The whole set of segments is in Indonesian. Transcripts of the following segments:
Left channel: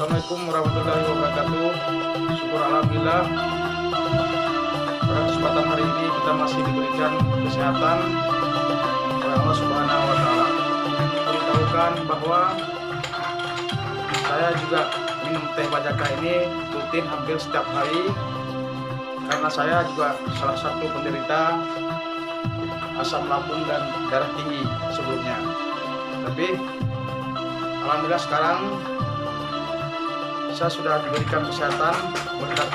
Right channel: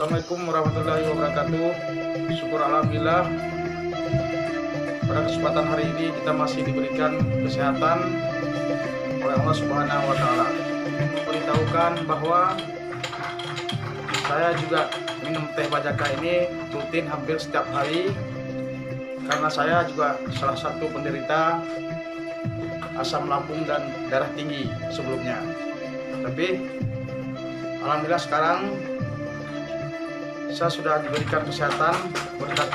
Assalamualaikum warahmatullahi wabarakatuh. Syukur alhamdulillah, pada kesempatan hari ini kita masih diberikan kesehatan oleh Allah Subhanahu wa Ta'ala. Ingin memberitahukan bahwa saya juga minum teh bajaka ini rutin hampir setiap hari, karena saya juga salah satu penderita asam lambung dan darah tinggi sebelumnya. Tapi alhamdulillah sekarang saya sudah diberikan kesehatan berkat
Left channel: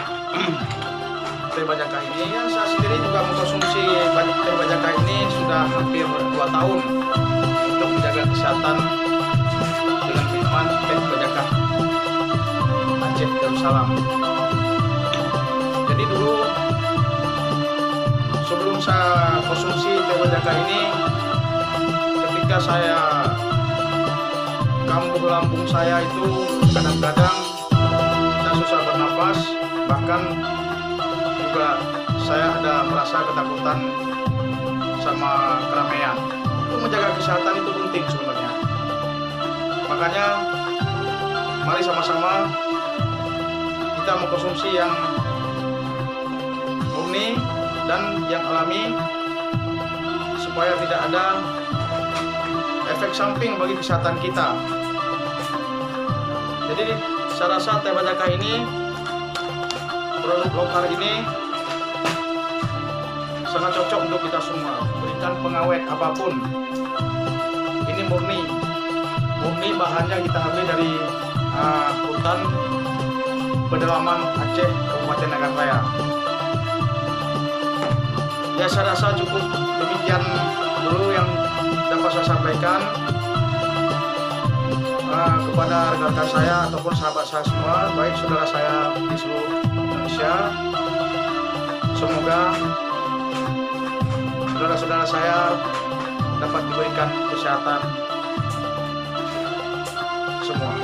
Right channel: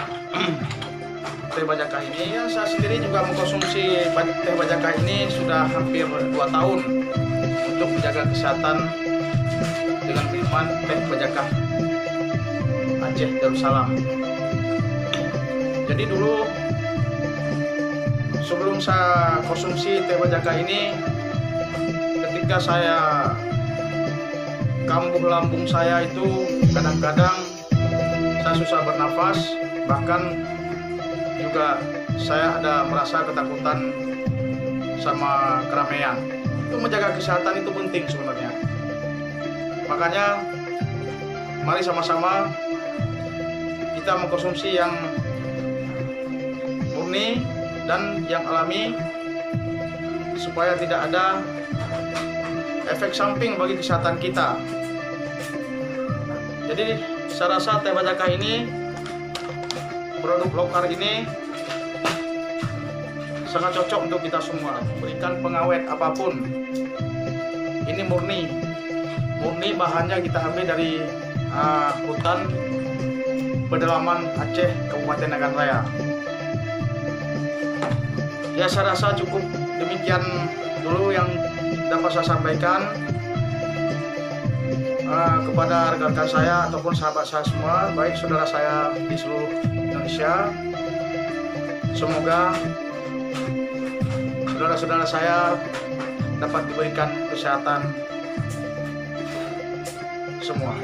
teh bajaka ini. Ya, saya sendiri juga mengkonsumsi teh bajaka ini sudah hampir 2 tahun untuk menjaga kesehatan dengan minuman teh bajaka Aceh Darussalam. Jadi dulu sebelum saya konsumsi teh bajaka ini, ketika saya kambuh lambung saya itu kadang-kadang saya susah bernafas, bahkan juga saya ada merasa ketakutan sama keramaian. Itu menjaga kesehatan itu penting sebenarnya. Makanya mari sama-sama kita mengkonsumsi yang murni dan yang alami supaya tidak ada efek samping bagi kesehatan kita. Jadi saya rasa teh bajaka ini, produk lokal ini sangat cocok untuk kita semua. Berikan pengawet apapun. Ini murni bahannya kita ambil dari hutan pedalaman Aceh, Kabupaten Nagan Raya. Ya, saya rasa cukup demikian dulu yang dapat saya sampaikan kepada rekan-rekan saya ataupun sahabat saya semua, baik saudara saya di seluruh Indonesia. Semoga saudara-saudara saya dapat diberikan kesehatan semua.